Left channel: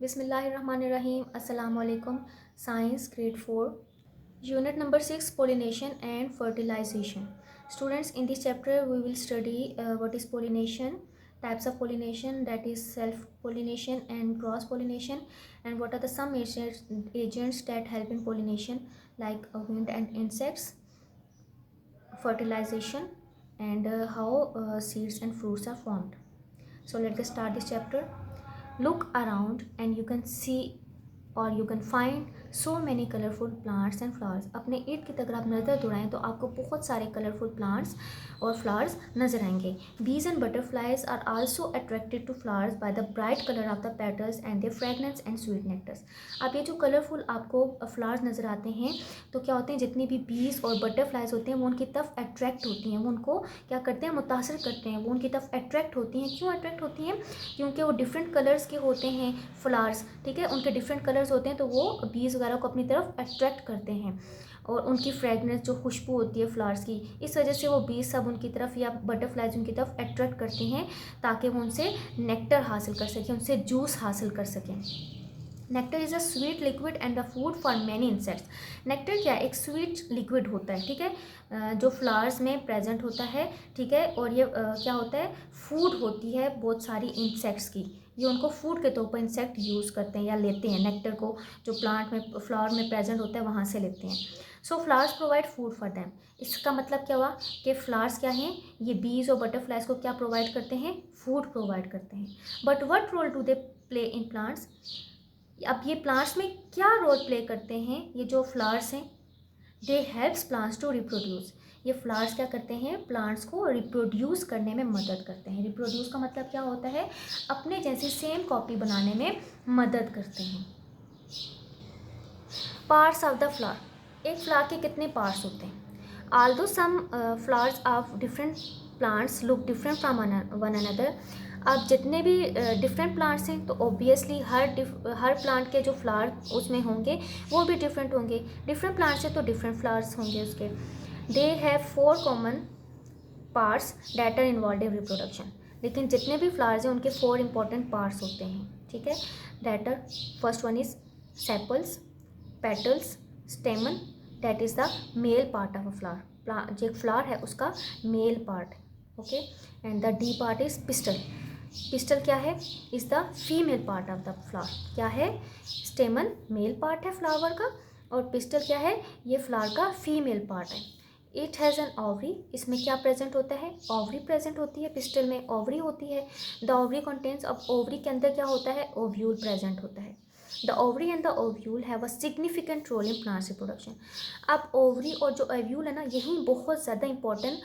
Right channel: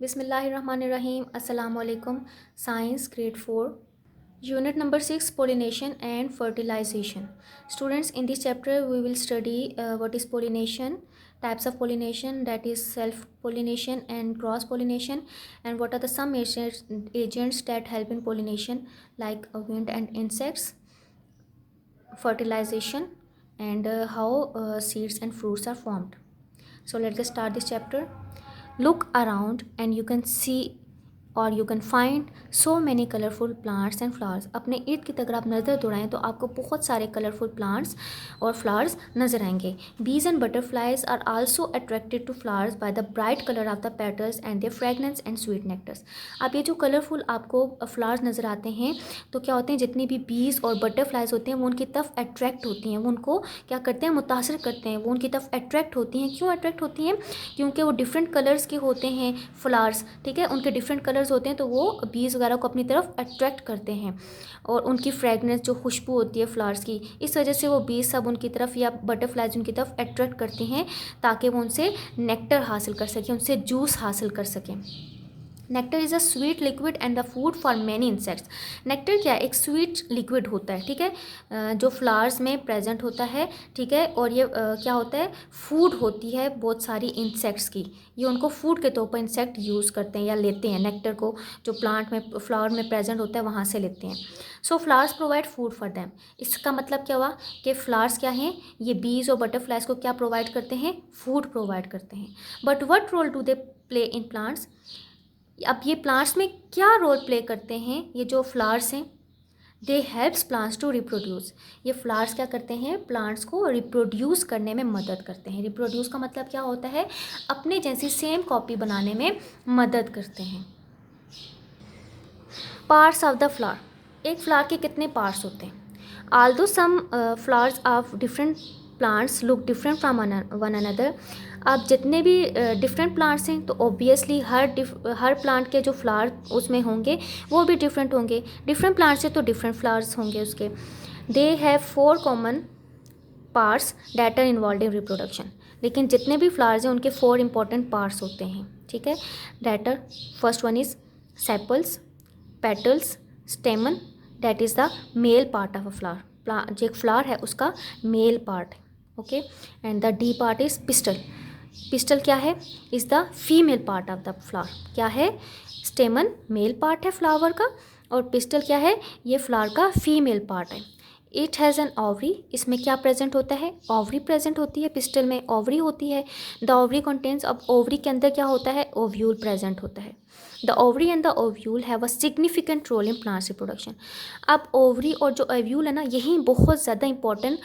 Bismillahirrahmanirrahim. Assalamu alaikum. Science grade 4. Unit number 6, pollination and fertilization. Students, in this chapter we will study what is pollination, types of pollination, that is self pollination and cross pollination, and what are the some agents that help in pollination like wind and insects, fertilization, and how seeds and fruits are formed. So let's just start this chapter. Look around and you can see और you can find so many colourful plants and flowers. अपने इर्द गिर्द अगर आप नज़र दौड़ाएं तो आपको बहुत सारे कलरफुल प्लांट्स और फ्लावर्स नज़र आएंगे। Bees and butterflies are also attracted to flowers by the bright colour of the petals and their fragrance and sweet nectars. अब ये जो कलरफुल आपको फ्लावर्स नज़र आते हैं तो क्या होते हैं, जितनी भी बीज और बटरफ्लाइज होते हैं वो उनकी तरफ अट्रैक्ट होती हैं, वो उनको क्या करते हैं, मुतासर करते हैं, वो उनकी तरफ अट्रैक्ट होती हैं। क्यों अट्रैक्ट होती हैं? क्योंकि वो डिफरेंट कलर्स के होते हैं फ्लावर्स, ठीक है, उनके डिफरेंट कलर्स होते हैं तो वो बीज वगैरह को अपनी तरफ अट्रैक्ट करते हैं और उनकी फ्रेगनेंस जो खुशबू होती है फ्लावर्स की, इस वजह से वो बीज सब उनकी तरफ या बटरफ्लाइज उनकी तरफ अट्रैक्ट करते हैं ताकि वो उनसे नेक्टर हासिल कर सकें, उनसे जूस हासिल कर सकें। Nectar is a sweet liquid and the food for many insects. Nectar क्या है? एक स्वीट लिक्विड होता है, ठीक है, जो फ्लावर्स में प्रेजेंट होता है, ठीक है, और ये क्या होता है, फूड होती है बहुत सारी इंसेक्ट्स की। ये उनको फूड के तौर पर इंसेक्ट यूज़ करते हैं या लेते हैं, नेक्टर को जो प्लांट में फ्लावर में प्रेजेंट होता है वहाँ से लेते हैं। सो flowers provide food for them. इसका मतलब क्या हुआ कि फ्लावर्स क्या हैं, ये बीज और बटरफ्लाइज को क्या प्रोवाइड करते हैं, फूड प्रोवाइड करते हैं। But what role do they play in plants? अब ये प्लांट्स में क्या रोल प्ले करते हैं, ये जो फ्लावर्स हैं, they helps plants to reproduce. ये फ्लावर्स क्या करते हैं, प्लांट्स को रिप्रोड्यूस करने में मदद करते हैं। रिप्रोड्यूस का मतलब क्या होता है, अपने जैसी सेम कॉपी बनाने में मदद करते हैं। Parts of the flower. एक फ्लावर के कितने पार्ट्स होते हैं? Although some flowers of different plants look different from one another. अब जितने भी डिफरेंट प्लांट्स हैं तो ऑब्वियसली हर प्लांट के जो फ्लावर उसमें होंगे वो भी डिफरेंट होंगे। डिफरेंट प्लांट्स से तो डिफरेंट फ्लावर्स होंगे उसके। They have 4 common parts that are involve in reproduction. लेकिन जितने भी फ्लावर्स हैं उनके 4 इंपॉर्टेंट पार्ट्स होते हैं, ठीक है। That are, first one is sepals, petals, stamen, that is the male part of a flower. जो एक फ्लावर है उसका मेल पार्ट है, okay. And the D part is pistil. Pistil क्या है? Is the female part of the flower. क्या है? Stamen male part है फ्लावर का और पिस्टल क्या है? ये फ्लावर का फीमेल पार्ट है। It has an ovary. इसमें क्या प्रेजेंट होता है? ओवरी प्रेजेंट होती है, पिस्टल में ओवरी होती है। The ovary contains. अब ओवरी के अंदर क्या होता है? ओव्यूल प्रेजेंट होता है। The ovary and the ovule have a significant role in plants reproduction. अब ओवरी और जो ओव्यूल है ना, यही बहुत ज़्यादा इंपॉर्टेंट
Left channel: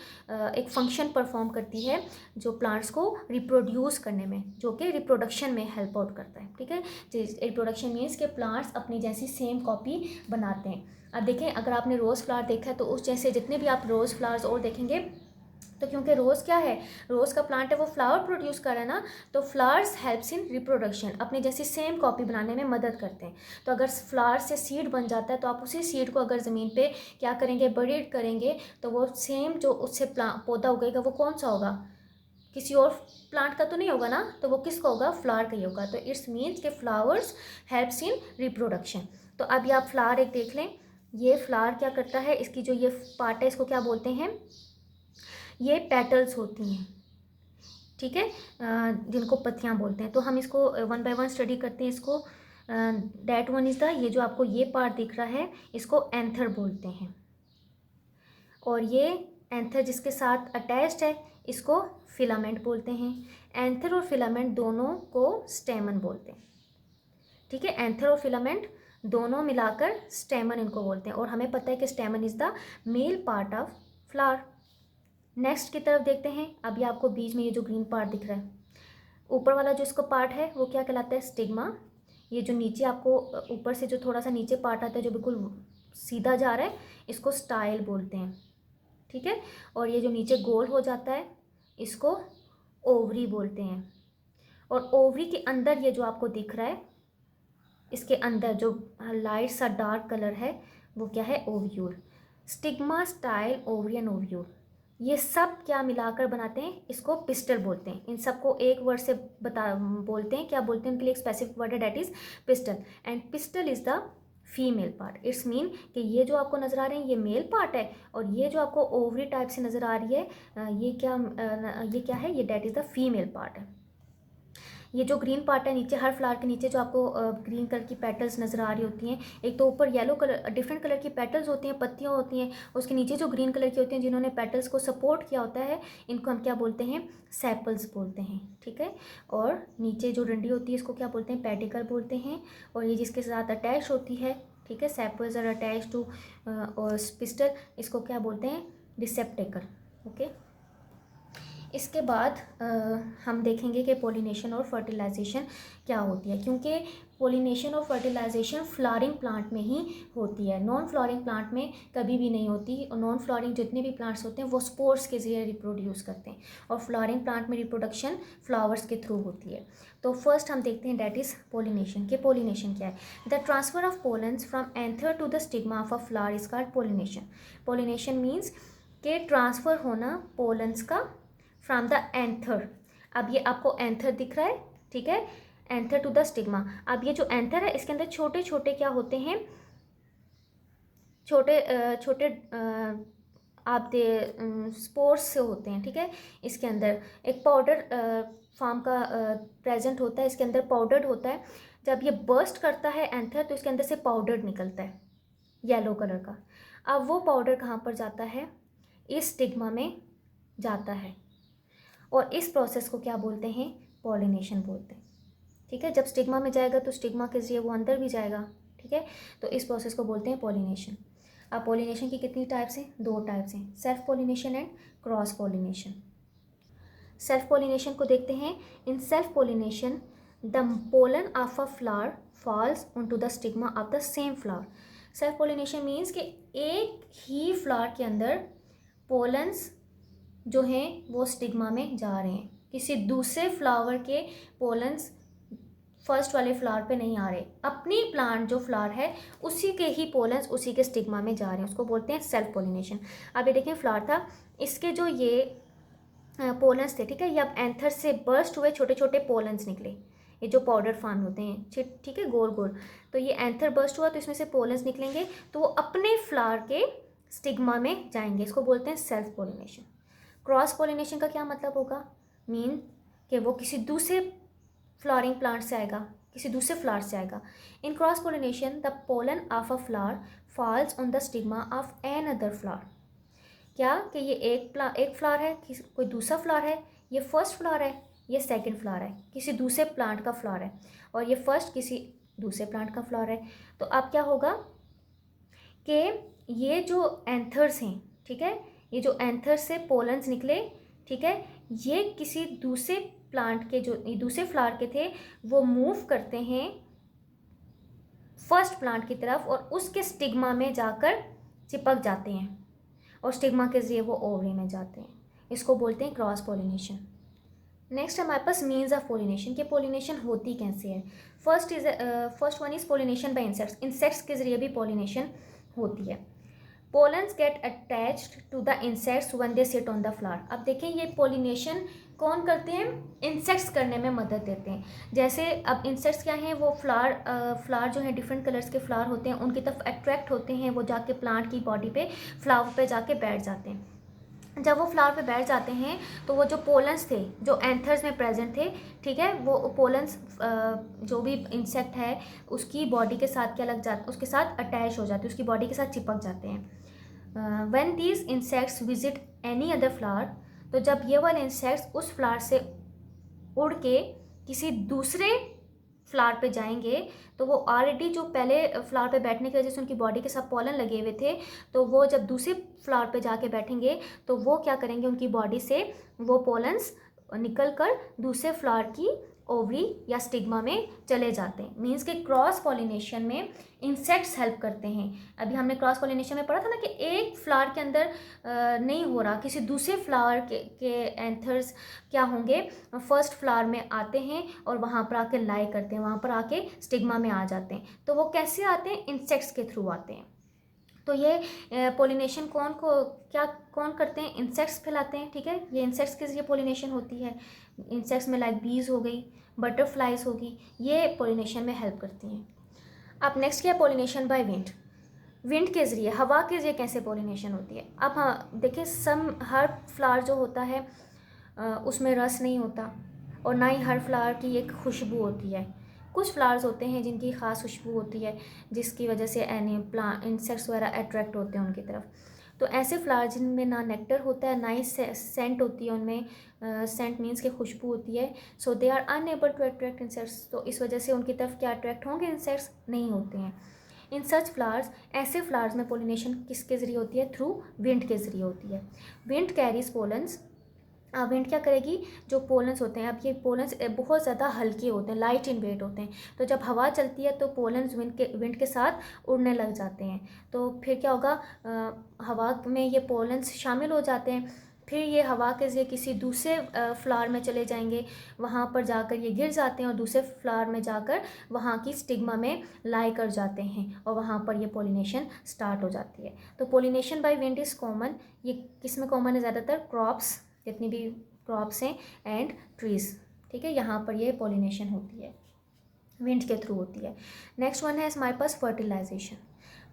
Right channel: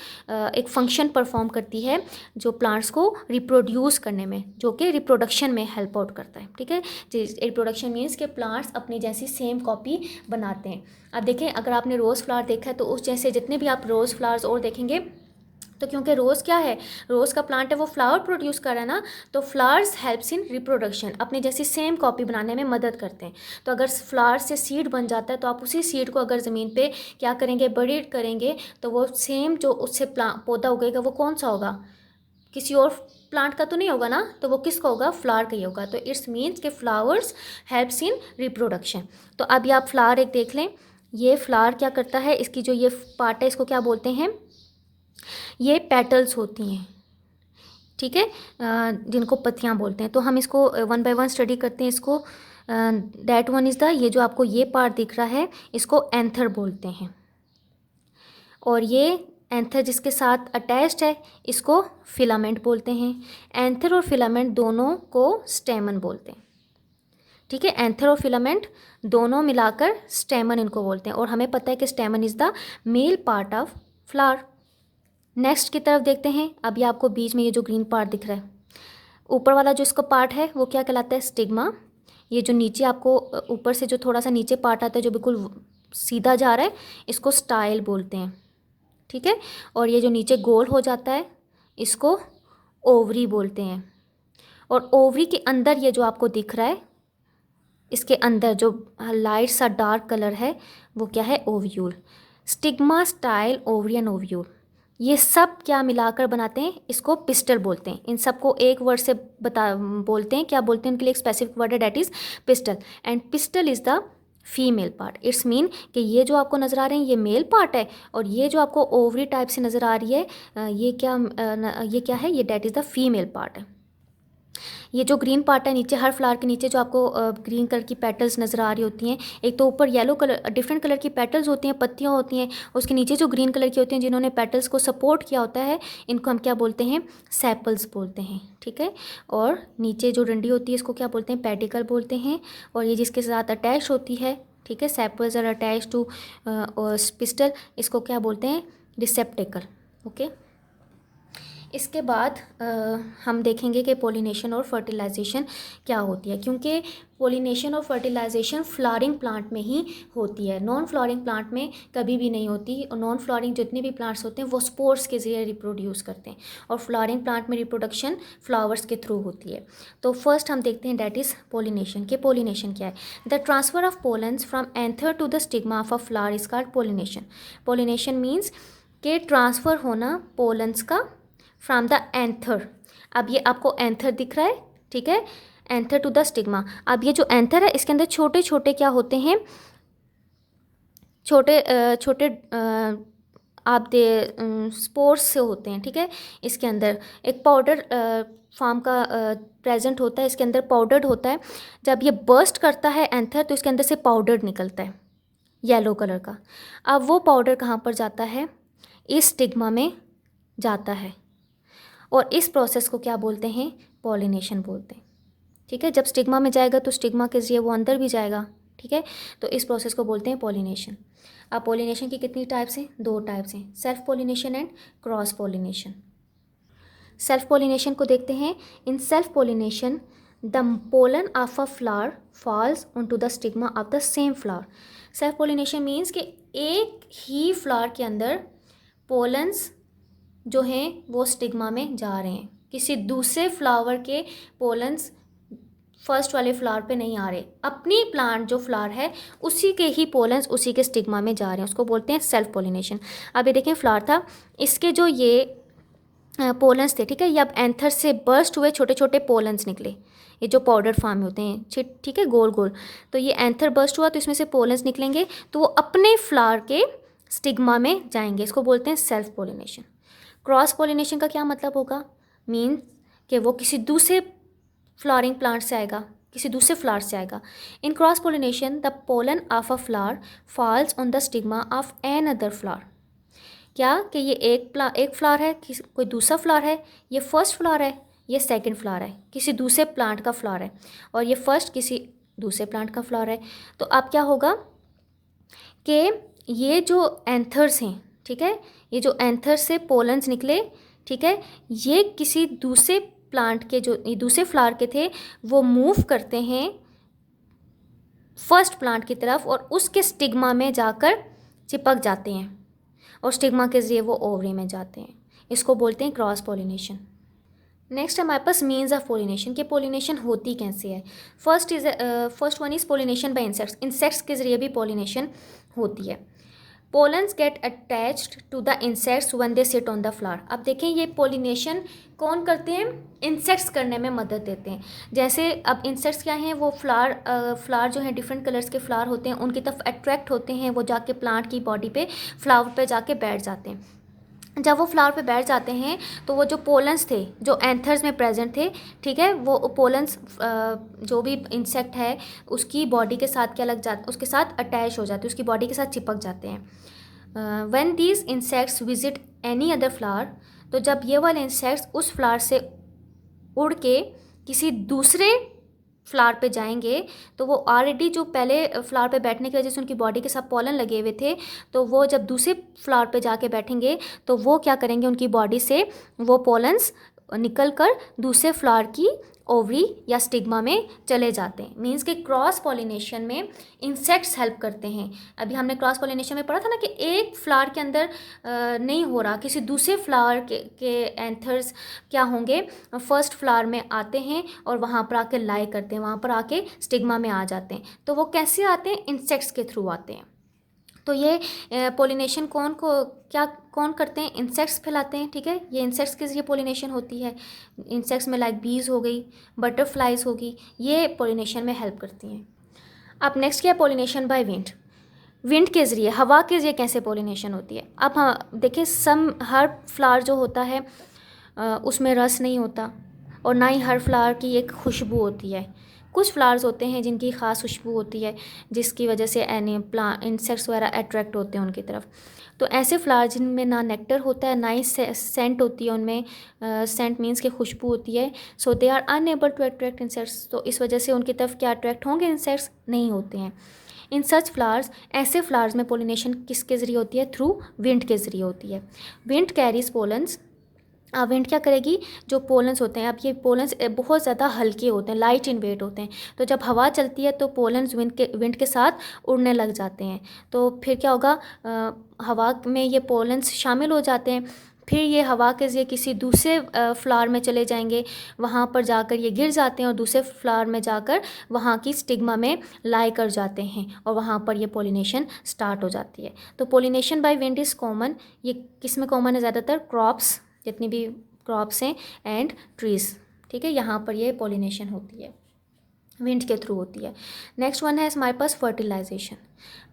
एक फंक्शन परफॉर्म करती है जो प्लांट्स को रिप्रोड्यूस करने में, जो कि रिप्रोडक्शन में हेल्प आउट करता है, ठीक है। रिप्रोडक्शन मीन्स के प्लांट्स अपनी जैसी सेम कॉपी बनाते हैं। अब देखें, अगर आपने रोज़ फ्लावर देखा है तो उस जैसे जितने भी आप रोज़ फ्लावर्स और देखेंगे तो क्योंकि रोज़ क्या है, रोज़ का प्लांट है वो फ्लावर प्रोड्यूस कर रहा है ना, तो फ्लावर्स हेल्प्स इन रिप्रोडक्शन, अपनी जैसी सेम कॉपी बनाने में मदद करते हैं। तो अगर फ्लावर से सीड बन जाता है तो आप उसी सीड को अगर ज़मीन पे क्या करेंगे, बरीड करेंगे, तो वो सेम जो उससे पौधा उगेगा वो कौन सा होगा? किसी और प्लांट का तो नहीं होगा ना, तो वो किसका होगा? फ्लावर का ही होगा। तो इट्स मीन्स के फ्लावर्स हेल्प्स इन रिप्रोडक्शन। तो अब ये आप फ्लावर एक देख लें, ये फ्लावर क्या करता है, इसकी जो ये पार्ट है इसको क्या बोलते हैं? ये पेटल्स होती हैं, ठीक है, जिनको पत्तियां बोलते हैं। तो हम इसको वन बाय वन स्टडी करते हैं इसको। दैट वन इज़ द, ये जो आपको ये पार्ट दिख रहा है इसको एंथर बोलते हैं, और ये एंथर जिसके साथ अटैच्ड है इसको फिलामेंट बोलते हैं। एंथर और फिलामेंट दोनों को स्टेमन बोलते हैं, ठीक है। एंथर और फिलामेंट दोनों मिलाकर स्टेमन इनको बोलते हैं, और हमें पता है कि स्टेमन is the male part of flower. Next की तरफ देखते हैं। अभी आपको बीच में ये जो ग्रीन पार्ट दिख रहा है, ऊपर वाला जो इसका पार्ट है वो क्या कहलाता है? स्टिग्मा। ये जो नीचे आपको ऊपर से जो थोड़ा सा नीचे पार्ट आता है जो बिल्कुल सीधा जा रहा है, इसको स्टाइल बोलते हैं, ठीक है। और ये जो नीचे गोल हो जाता है इसको ओवरी बोलते हैं। और ओवरी के अंदर ये जो आपको दिख रहा है, इसके अंदर जो लाइट सा डार्क कलर है वो क्या है? Ovule. Stigma, style, ovary and ovule, ये सब क्या मिलाकर बनाते हैं, इसको पिस्टल बोलते हैं। इन सबको एक वर्ड से बोलते हैं, क्या बोलते हैं, उनके लिए एक स्पेसिफिक वर्ड है, that is pistol. And pistol is the female part. It's mean कि ये जो आपको नज़र आ रहे हैं ये मेल पार्ट है, और ये जो आपको ओवरी टाइप से नज़र आ रही है ये क्या है, ये that is the female part है। ये जो ग्रीन पार्ट है नीचे, हर फ्लावर के नीचे जो आपको ग्रीन कलर की पेटल्स नज़र आ रही होती हैं, एक तो ऊपर येलो कलर डिफरेंट कलर की पेटल्स होती हैं, पत्तियाँ होती हैं, उसके नीचे जो ग्रीन कलर की होती हैं जिन्होंने पेटल्स को सपोर्ट किया होता है, इनको हम क्या बोलते हैं, सेपल्स बोलते हैं, ठीक है। और नीचे जो डंडी होती है इसको क्या बोलते हैं, पेडिकल बोलते हैं। और ये जिसके साथ अटैच होती है, ठीक है, sepals are attach to pistil, इसको क्या बोलते हैं, रिसेप्टेकल। ओके, इसके बाद हम देखेंगे कि पोलिनेशन और फर्टिलाइजेशन क्या होती है, क्योंकि पोलिनेशन और फर्टिलाइजेशन फ्लावरिंग प्लांट में ही होती है, नॉन फ्लावरिंग प्लांट में कभी भी नहीं होती। और नॉन फ्लावरिंग जितने भी प्लांट्स होते हैं वो स्पोर्स के ज़रिए रिप्रोड्यूस करते हैं, और फ्लावरिंग प्लांट में रिप्रोडक्शन फ्लावर्स के थ्रू होती है। तो फर्स्ट हम देखते हैं डेट इज़ पोलिनेशन। के पोलिनेशन क्या है, the transfer of pollens from anther to the stigma of a flower is called pollination. Pollination means के ट्रांसफ़र होना पोलन्स का फ्रॉम द एंथर। अब ये आपको एंथर दिख रहा है, ठीक है, एंथर टू द स्टिग्मा। अब ये जो एंथर है इसके अंदर छोटे छोटे क्या होते हैं, छोटे छोटे आप दे स्पोर्स से होते हैं, ठीक है। इसके अंदर एक पाउडर फॉर्म का प्रेजेंट होता है, इसके अंदर पाउडर्ड होता है। जब ये बर्स्ट करता है एंथर तो इसके अंदर से पाउडर निकलता है येलो कलर का। अब वो पाउडर कहाँ पर जाता है, इस स्टिग्मा में जाता है, और इस प्रोसेस को क्या बोलते हैं, पॉलिनेशन बोलते हैं, ठीक है। जब स्टिग्मा में जाएगा तो स्टिग्मा के जरिए वो अंदर भी जाएगा, ठीक है। तो इस प्रोसेस को बोलते हैं पॉलिनेशन। अब पॉलिनेशन की कितनी टाइप्स हैं, दो टाइप्स हैं, self pollination and cross pollination. Self pollination को देखते हैं। In self pollination the pollen of a flower falls on to the stigma of the same flower. Self pollination means कि एक ही फ्लावर के अंदर पोलन्स जो हैं वो स्टिग्मा में जा रहे हैं, किसी दूसरे फ्लावर के पोलन्स फर्स्ट वाले फ्लावर पे नहीं आ रहे, अपनी प्लांट जो फ्लावर है उसी के ही पोलन्स उसी के स्टिग्मा में जा रहे हैं, उसको बोलते हैं सेल्फ पॉलिनेशन। अब ये देखें फ्लावर था, इसके जो ये पोलन्स थे, ठीक है, ये अब एंथर से बर्स्ट हुए छोटे छोटे पोलन्स निकले, ये जो पाउडर फॉर्म में होते हैं, ठीक है, गोल गोल। तो ये एंथर बर्स्ट हुआ तो इसमें से पोलन्स निकलेंगे, तो वो अपने फ्लावर के स्टिग्मा में जाएंगे, इसको बोलते हैं सेल्फ पॉलिनेशन। क्रॉस पॉलिनेशन का क्या मतलब होगा, मीन कि वो किसी दूसरे फ्लावरिंग प्लांट से आएगा, किसी दूसरे फ्लावर से आएगा। In cross pollination the pollen of a flower falls on the stigma of another flower. क्या कि ये एक फ्लावर है, कोई दूसरा फ्लावर है, ये फर्स्ट फ्लावर है, ये सेकंड फ्लावर है, किसी दूसरे प्लांट का फ्लावर है, और ये फर्स्ट किसी दूसरे प्लांट का फ्लावर है। तो अब क्या होगा कि ये जो एंथर्स हैं, ठीक है, ये जो एंथर से पोलन्स निकले, ठीक है, ये किसी दूसरे प्लांट के जो ये दूसरे फ्लावर के थे वो मूव करते हैं फर्स्ट प्लांट की तरफ, और उसके स्टिग्मा में जाकर चिपक जाते हैं, और स्टिग्मा के जरिए वो ओवरी में जाते हैं, इसको बोलते हैं क्रॉस पॉलिनेशन। नेक्स्ट हमारे पास मीन्स ऑफ पोलिनेशन, के पोलिनेशन होती कैसे है। First one is pollination by insects. Insects के जरिए भी पोलिनेशन होती है। Pollens get attached to the insects when they sit on the flower. अब देखें ये पोलिनेशन कौन करते हैं, इंसेक्ट्स करने में मदद देते हैं। जैसे अब इंसेक्ट्स क्या हैं, वो फ्लावर जो है डिफरेंट कलर्स के फ्लावर होते हैं, उनकी तरफ अट्रैक्ट होते हैं, वो जाके प्लांट की बॉडी पे फ्लावर पे जाके बैठ जाते हैं। जब वो फ्लावर पे बैठ जाते हैं तो वो जो पोलन्स थे जो एंथर्स में प्रेजेंट थे, ठीक है, वो पोलन्स जो भी इंसेक्ट है उसकी बॉडी के साथ क्या लग जाता, उसके साथ अटैच हो जाते हैं, उसकी बॉडी के साथ चिपक जाते हैं। When these insects visit any other flower, तो जब ये वाले इंसेक्ट्स उस फ्लावर से उड़ के किसी दूसरे फ्लावर पे जाएंगे, तो वो ऑलरेडी जो पहले फ्लावर पे बैठने की वजह से उनकी बॉडी के साथ पॉलन लगे हुए थे, तो वो जब दूसरे फ्लावर पे जाके बैठेंगे तो वो क्या करेंगे, उनकी बॉडी से वो पॉलन्स निकल कर दूसरे फ्लावर की ओवरी या स्टिग्मा में चले जाते हैं। मीन्स कि क्रॉस पॉलिनेशन में इंसेक्ट्स हेल्प करते हैं। अभी हमने क्रॉस पॉलिनेशन में पढ़ा था ना कि एक फ्लावर के अंदर नहीं हो रहा, किसी दूसरे फ्लावर के एंथर्स क्या होंगे, फर्स्ट फ्लावर में आते हैं और वहाँ पर आके लाई करते हैं, वहाँ पर आके स्टिग्मा में आ जाते हैं। तो वो कैसे आते हैं, इंसेक्ट्स के थ्रू आते हैं। तो ये पोलिनेशन कौन करते हैं, इंसेक्ट्स फैलाते हैं, ठीक है। ये इंसेक्ट्स के जरिए पोलिनेशन होती है। इंसेक्ट्स में लाइक बीज हो गई, बटरफ्लाइज होगी, ये पोलिनेशन में हेल्प करती हैं। अब नेक्स्ट क्या है, पोलिनेशन बाय विंड। विंड के ज़रिए, हवा के ज़रिए कैसे पोलिनेशन होती है। अब हाँ देखिए, हर फ्लावर जो होता है उसमें रस नहीं होता, और ना ही हर फ्लावर की एक खुशबू होती है। कुछ फ्लावर्स होते हैं जिनकी ख़ास खुशबू होती है, जिसकी वजह से इंसेक्ट्स वगैरह अट्रैक्ट होते हैं उनकी तरफ। तो ऐसे फ्लावर जिनमें ना नेक्टर होता है, ना ही सेंट होती है उनमें, सेंट मीन्स के खुशबू होती है, so they are unable to attract insects. तो इस वजह से उनकी तरफ क्या अट्रैक्ट होंगे, इंसेक्ट्स नहीं होते हैं। इन सच फ्लावर्स, ऐसे फ्लावर्स में पोलिनेशन किसके ज़रिए होती है, थ्रू विंड के ज़रिए होती है। Wind carries pollens. अब विंड क्या करेगी, जो पोलन्स होते हैं, अब ये पोलन्स बहुत ज़्यादा हल्के होते हैं, लाइट इन वेट होते हैं। तो जब हवा चलती है तो पोलन्स विंड के साथ उड़ने लग जाते हैं। तो फिर क्या होगा, हवा में ये पोलन्स शामिल हो जाते हैं। फिर ये हवा के ज़रिए किसी दूसरे फ्लावर में चले जाएंगे, वहाँ पर जाकर ये गिर जाते हैं और दूसरे फ्लावर में जाकर वहाँ की स्टिग्मा में लाई कर जाते हैं, और वहाँ पर ये पोलिनेशन स्टार्ट हो जाती है। तो pollination by wind is common. ये किस में कॉमन है, ज़्यादातर क्रॉप्स, जितनी भी क्रॉप्स हैं, एंड ट्रीज़, ठीक है, यहाँ पर ये पोलिनेशन होती है, विंड के थ्रू होती है। नेक्स्ट वन है हमारे पास फर्टिलाइजेशन।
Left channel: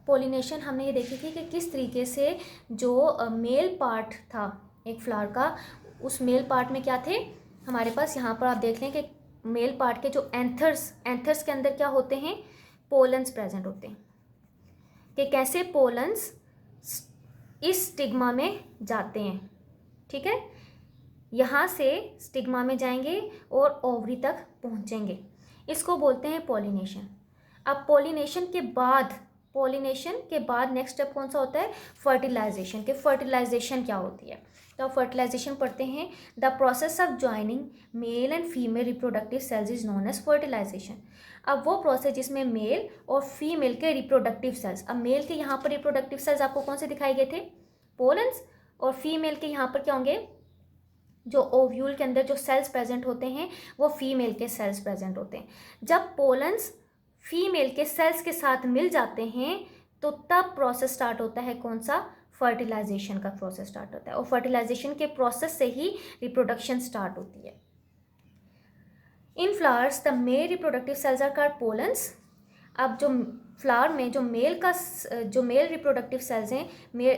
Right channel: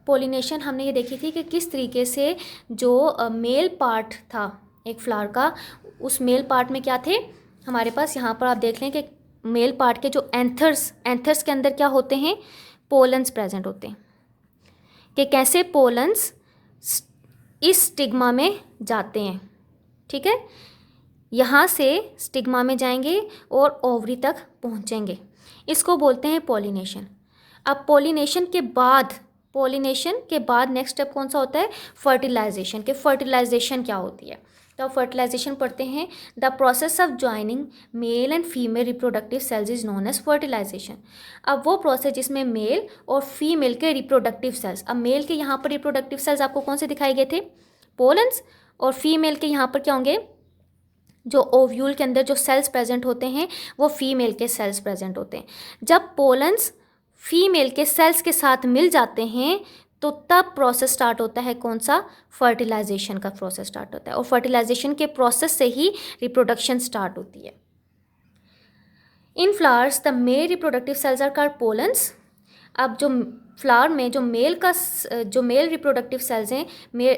पोलिनेशन हमने ये देखी थी कि किस तरीके से जो मेल पार्ट था एक फ्लावर का, उस मेल पार्ट में क्या थे हमारे पास, यहाँ पर आप देख लें कि मेल पार्ट के जो एंथर्स के अंदर क्या होते हैं, पोलन्स प्रेजेंट होते हैं, कि कैसे पोलन्स इस स्टिग्मा में जाते हैं, ठीक है, यहाँ से स्टिग्मा में जाएंगे और ओवरी तक पहुँचेंगे, इसको बोलते हैं पोलिनेशन। अब पोलिनेशन के बाद नेक्स्ट स्टेप कौन सा होता है, फर्टिलाइजेशन। के फर्टिलाइजेशन क्या होती है, तो आप फर्टिलाइजेशन पढ़ते हैं, the process of joining male and female reproductive cells is known as fertilisation. अब वो प्रोसेस जिसमें मेल और फीमेल के रिप्रोडक्टिव सेल्स, अब मेल के यहाँ पर रिप्रोडक्टिव सेल्स आपको कौन से दिखाए गए थे, पोलन्स, और फीमेल के यहाँ पर क्या होंगे, जो ओव्यूल के अंदर जो सेल्स प्रेजेंट होते हैं वो फीमेल के सेल्स प्रेजेंट होते हैं। जब पोलन्स फीमेल के सेल्स के साथ मिल जाते हैं तो तब प्रोसेस स्टार्ट होता है, कौन सा, फर्टिलाइजेशन का प्रोसेस स्टार्ट होता है, और फर्टिलाइजेशन के प्रोसेस से ही रिप्रोडक्शन स्टार्ट होती है। In flowers the male reproductive cells are called pollens. अब जो फ्लावर में जो मेल रिप्रोडक्टिव सेल्स हैं,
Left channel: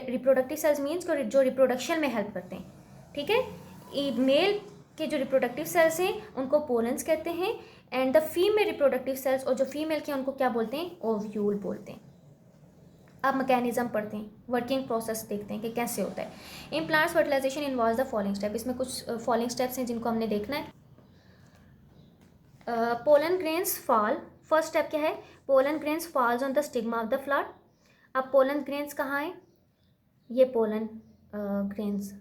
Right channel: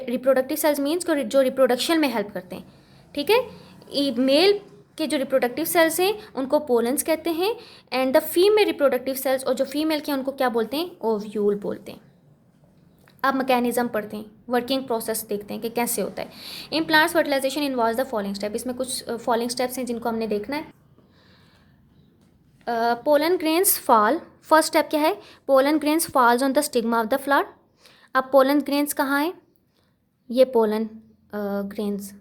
रिप्रोडक्टिव सेल्स मीन्स जो रिप्रोडक्शन में हेल्प करते हैं, ठीक है, मेल के जो रिप्रोडक्टिव सेल्स हैं उनको पोलन्स कहते हैं, and the female reproductive sales, और जो फीमेल के हैं उनको क्या बोलते हैं, ओव्यूल बोलते हैं। अब मैकेनिज्म पढ़ते हैं, वर्किंग प्रोसेस देखते हैं कि कैसे होता है। In plants fertilisation involves the following step. इसमें कुछ फॉलोइंग स्टेप्स हैं जिनको हमने देखना है। Pollen grains fall, first step क्या है, pollen grains falls on the stigma of the flower. अब पोलन ग्रेन्स कहाँ हैं, ये पोलन ग्रेन्स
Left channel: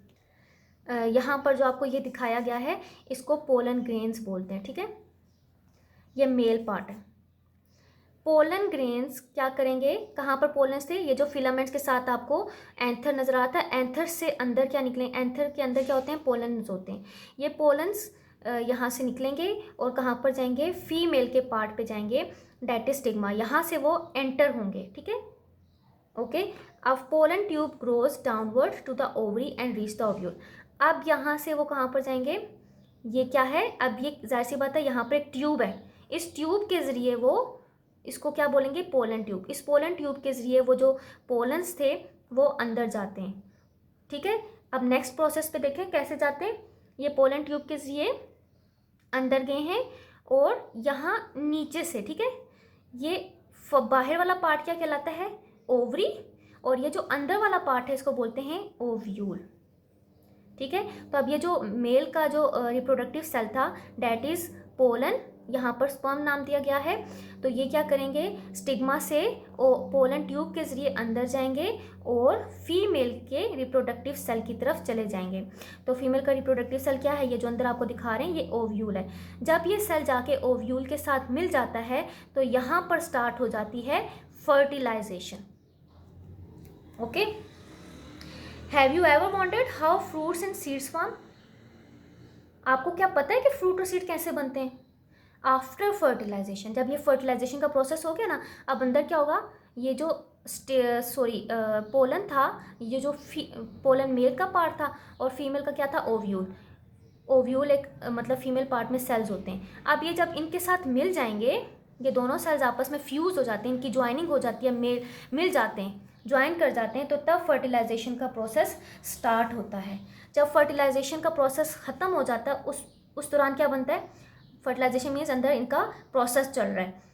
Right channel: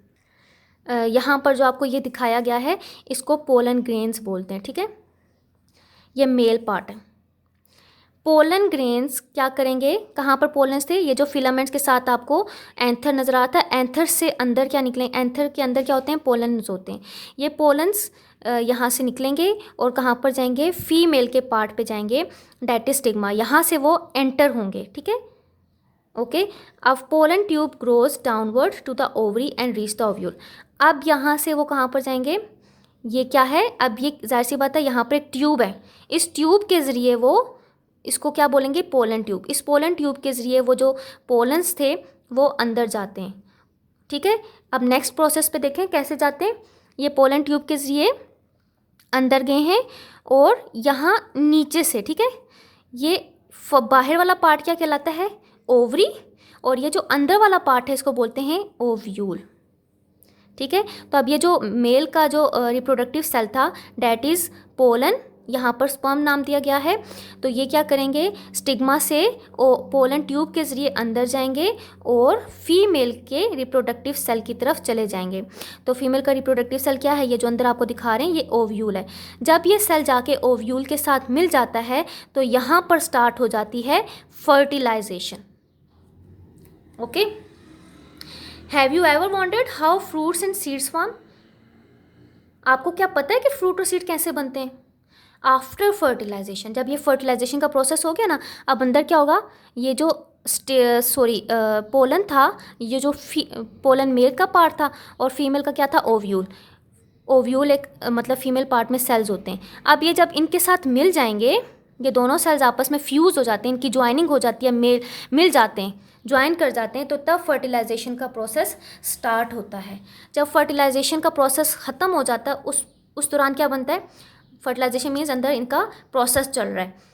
यहाँ पर जो आपको ये दिखाया गया है इसको पोलन ग्रेन्स बोलते हैं, ठीक है, ये मेल पार्ट है। पोलन ग्रेन्स क्या करेंगे, कहाँ पर पोलन्स थे, ये जो फिलामेंट्स के साथ आपको एंथर नज़र आता है, एंथर से अंदर क्या निकलेंगे, एंथर के अंदर क्या होते हैं, पोलन्स होते हैं। ये पोलन्स यहाँ से निकलेंगे और कहाँ पर जाएंगे, फीमेल के पार्ट पे जाएंगे, डेट इज स्टिग्मा, यहाँ से वो एंटर होंगे, ठीक है, ओके। अब pollen tube grows downward to the ovary and reach the ovule. अब यहाँ से वो कहाँ पर जाएंगे, ये क्या है, अब ये जाहिर सी बात है यहाँ पर एक ट्यूब है, इस ट्यूब के ज़रिए वो, इसको क्या बोलेंगे, पोलन ट्यूब, इस पोलन ट्यूब के ज़रिए वो जो पोलन्स थे वो अंदर जाते हैं, ठीक है। अब नेक्स्ट प्रोसेस पे देखें कैसे जाते हैं, ये पोलन ट्यूब के ज़रिए अंदर गए हैं और यहाँ नीचे से, ठीक है, ये बाहर वाला पार्ट क्या कहलाता है, ओवरी, और ये जो अंदर वाला पार्ट है इसको बोलते हैं ओव्यूल, ठीक है। तो अब ये जो मेल का जो रिप्रोडक्टिव सेल था डैट इज़ पोलन, यहाँ पर स्पर्म नाम दिया गया है। तो ये क्या करेंगे, स्टिग्मा से पोलन ट्यूब के ज़रिए अंदर जाएंगे और फीमेल के रिप्रोडक्टिव सेल की तरफ चले जाएंगे। तो फीमेल का रिप्रोडक्टिव सेल क्या है, ये जो अंदर आपको दिखा रहे हैं ये ओव्यूल है। जब ये सेल जाके ओव्यूल के साथ मिल जाता है तो यहाँ पर स्टार्ट हो जाती है fertilisation, okay. Have you ever wondered how fruits and seeds form. आपको क्या पता है कि फ्रूट और सीड कैसे बनते हैं, आफ्टर फर्टिलाइजेशन। जब ये फर्टिलाइजेशन का प्रोसेस हो गया ना, अब अंदर क्या होगा, ये जो पोलन था, ये जो पोलन मेल का पार्ट था और फीमेल का क्या था, ओव्यूल। ओव्यूल एक मतलब फीमेल पार्ट में सेल्स होते हैं। अब ये जब इनके साथ मिल जाएंगे, ये दोनों सेल्स आपस में फ्यूज़ हो जाते हैं, इनकी ज्वाइनिंग हो जाती है, मिल जाते हैं, ज्वाइन कर जाते हैं, तो तब फर्टिलाइजेशन का प्रोसेस स्टार्ट होता है। जब फर्टिलाइजेशन का प्रोसेस ख़त्म हो जाता है, उस दौरान क्या बनता है, फर्टिलाइजेशन मीन्स अंदर इनका प्रोसेस चल रहा है।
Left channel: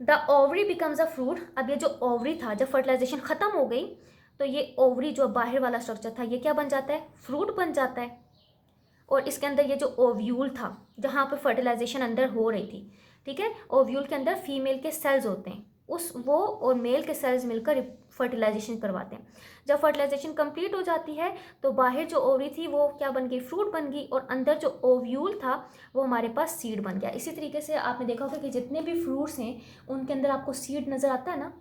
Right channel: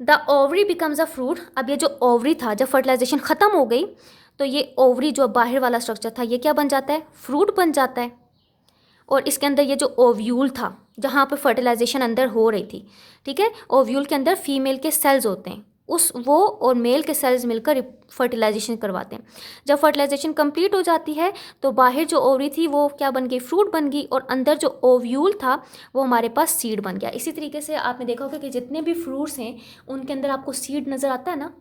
The ovary becomes a fruit. अब ये जो ओवरी था, जब फर्टिलाइजेशन ख़त्म हो गई तो ये ओवरी जो बाहर वाला स्ट्रक्चर था, ये क्या बन जाता है, फ्रूट बन जाता है। और इसके अंदर ये जो ओव्यूल था, जहाँ पे फर्टिलाइजेशन अंदर हो रही थी, ठीक है, ओव्यूल के अंदर फीमेल के सेल्स होते हैं, वो और मेल के सेल्स मिलकर फर्टिलाइजेशन करवाते हैं। जब फर्टिलाइजेशन कंप्लीट हो जाती है तो बाहर जो ओवरी थी वो क्या बन गई, फ्रूट बन गई, और अंदर जो ओव्यूल था वो हमारे पास सीड बन गया। इसी तरीके से आपने देखा होगा कि जितने भी फ्रूट्स हैं उनके अंदर आपको सीड नज़र आता है ना,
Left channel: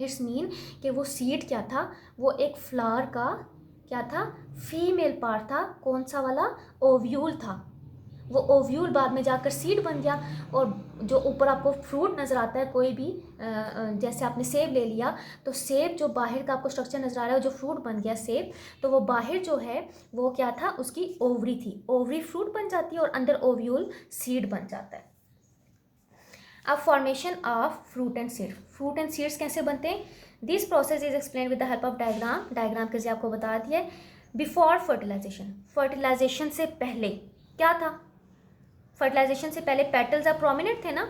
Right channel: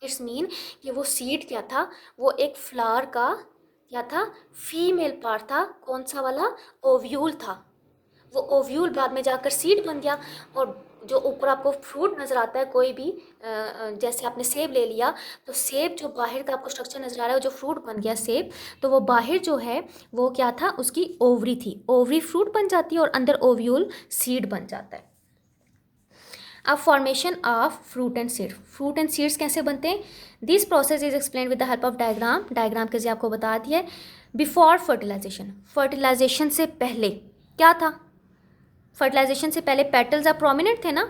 इट्स मीन कि वो सीड क्या था, वो एक फ्लावर का क्या था, फीमेल पार्ट था। कौन सा वाला, ओव्यूल था। वो ओव्यूल बाद में जाकर सीड बन गया। और जो ऊपर आपको फ्रूट नज़र आता है, कोई भी जैसे आपने सेब ले लिया, तो सेब जो बाहर का आपको स्ट्रक्चर नज़र आ रहा है, जो फ्रूट बन गया सेब, तो वो बाहर जो है वो क्या था, उसकी ओवरी थी। ओवरी फ्रूट बन जाती है और अंदर ओव्यूल सीड बन जाता है। अब formation of fruit and seed. Fruit and seeds कैसे बनते हैं, this process is explain with the help of diagram. Diagram के जरिए आपको बता दिया है। बिफोर फर्टिलाइजेशन, फर्टिलाइजेशन से पहले क्या था, फर्टिलाइजेशन से पहले पेटल्स अब प्रोमिनेंट थे ना,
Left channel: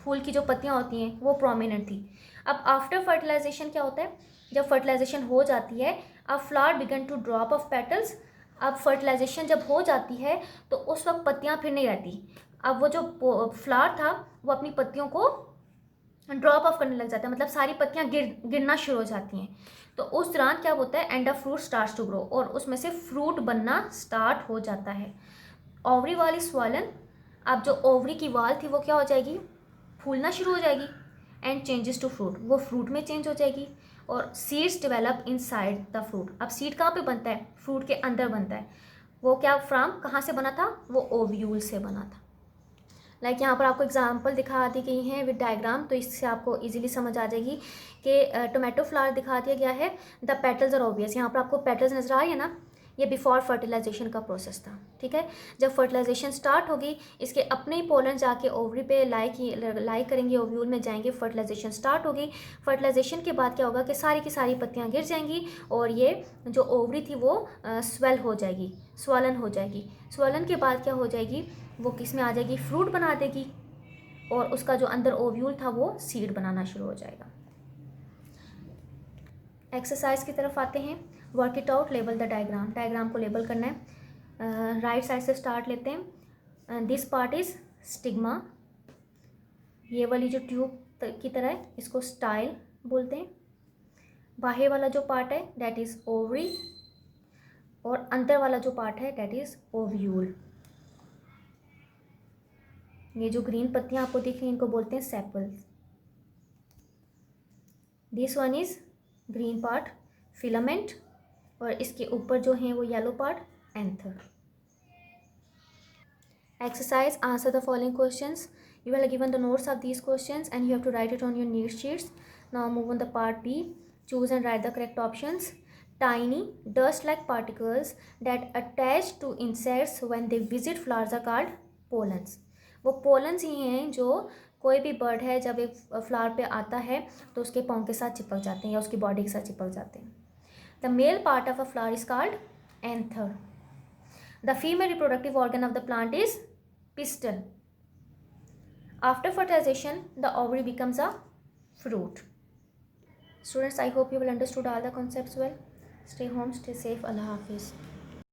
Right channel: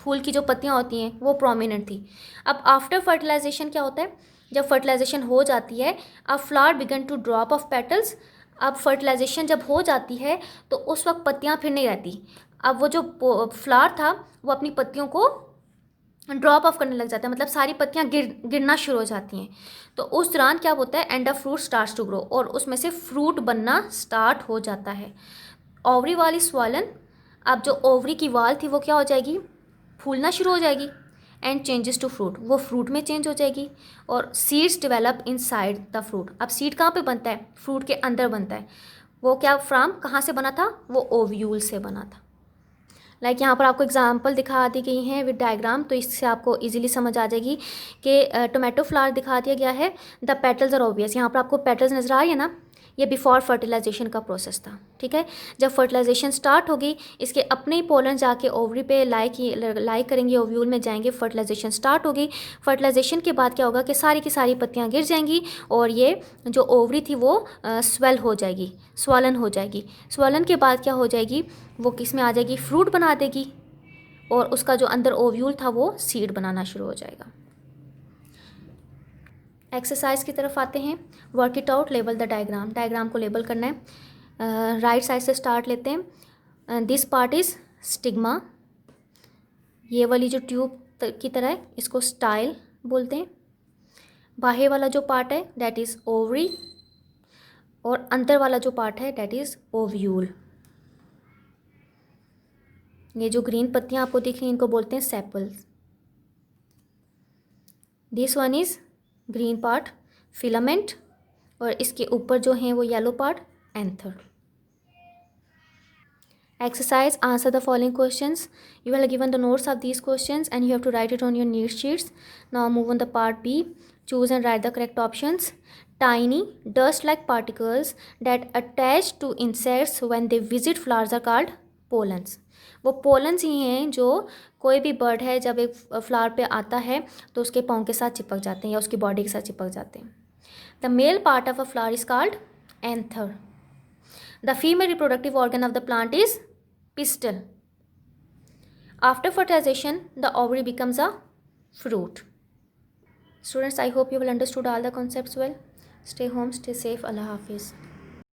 फूल की जो पत्तियां होती हैं वो प्रोमिनेंट थी। अब आफ्टर फर्टिलाइजेशन क्या होता है, जब फर्टिलाइजेशन हो जाती है, अब flower begin to drop off petals. अब फर्टिलाइजेशन जब हो जाती है तो उस वक्त पत्तियां फिर नहीं रहती। अब वो जो फ्लावर था वो अपनी पत्तियों को ड्रॉप ऑफ करने लग जाता है, मतलब सारी पत्तियां गिरना शुरू हो जाती हैं। तो उस दौरान क्या होता है, and a fruit starts to grow, और उसमें से फ्रूट बनना स्टार्ट हो जाता है। ओवरी वाली स्वालन, अब जो ओवरी की वाल थी वो क्या हो जाएगी, फूलना शुरू हो जाएगी। एंड चेंजेस टू फ्रूट, वो फ्रूट में चेंज हो जाएगी। और seeds develop in side the fruit. अब सीड कहाँ पे बनता है, फ्रूट के अंदर बनता है। वो क्या फ्राम कहाँ से बना था, वो ओव्यूल से बना था। लाइक यहाँ पर आपको एग्जांपल दिखा दी गई हैं विद डायग्राम, तो इससे आपको इजीली समझ आ जाएगी कि टोमेटो फ्लावर दिखा दिया गया है। द पेटल्स आर ऑब्वियस, यहाँ पर आपको पेटल्स नजर आ रही है ना, ये बिफोर फर्टिलाइजेशन का प्रोसेस था, ठीक है। जब फर्टिलाइजेशन स्टार्ट होगी, इसके अपने ही पोलन जाके ओवरी पे लाई करेंगे, ओव्यूल में जाएंगे, फर्टिलाइजेशन स्टार्ट होगी। फर्टिलाइजेशन के बाद क्या होगा कि सारी की सारी पत्तियां गिर जाएंगी और ये जो ओवरी थी वो स्वेल हो जाएगी, स्वलन हो जाएगी। स्वलन के बाद क्या हो जाएगी, वो किस में आ जाएगी, फ्रूट बना देगी, और उसका जो अंदर ओव्यूल था वो सीड बनाना शुरू हो जाएगा। एक्सरसाइज की तरफ आते हैं। Work it out, label the diagram. Diagram को लेबल करना है। राइट साइड से स्टार्ट लेते हैं। दिस पार्ट इज स्टिग्मा, ये वाली जो ट्यूब की तरह है इसको स्टाइल बोलते हैं। बाहर वाला जो पार्ट है दैट इज ओवरी, और अंदर वाला जो पार्ट है दैट इज ओव्यूल। ये जो ग्रीन पत्तियां आपको दिख रही हैं इनको बोलते हैं sepals. This one is green part filament, और इसके ऊपर जो है वो yellow part anther. Exercise, answer the following questions. You will given the notes of these questions and you have to write it on your neat sheets. Now move on the part B. Choose and write the correct options. Tiny dust-like particles that attach to insects when they visit flowers are called pollens. वो pollens ही हैं जो कोई भी bird है जब एक flower पे आता है तो उसके पाँव के साथ चिपक जाते हैं या उसकी बॉडी के साथ चिपक जाते हैं। The male part of a flower is called anther. The female reproductive organ of the plant is pistil. After fertilization, the ovary becomes a fruit. Students, I hope you will understood all the concepts well. Stay home, stay safe. Allah Hafiz.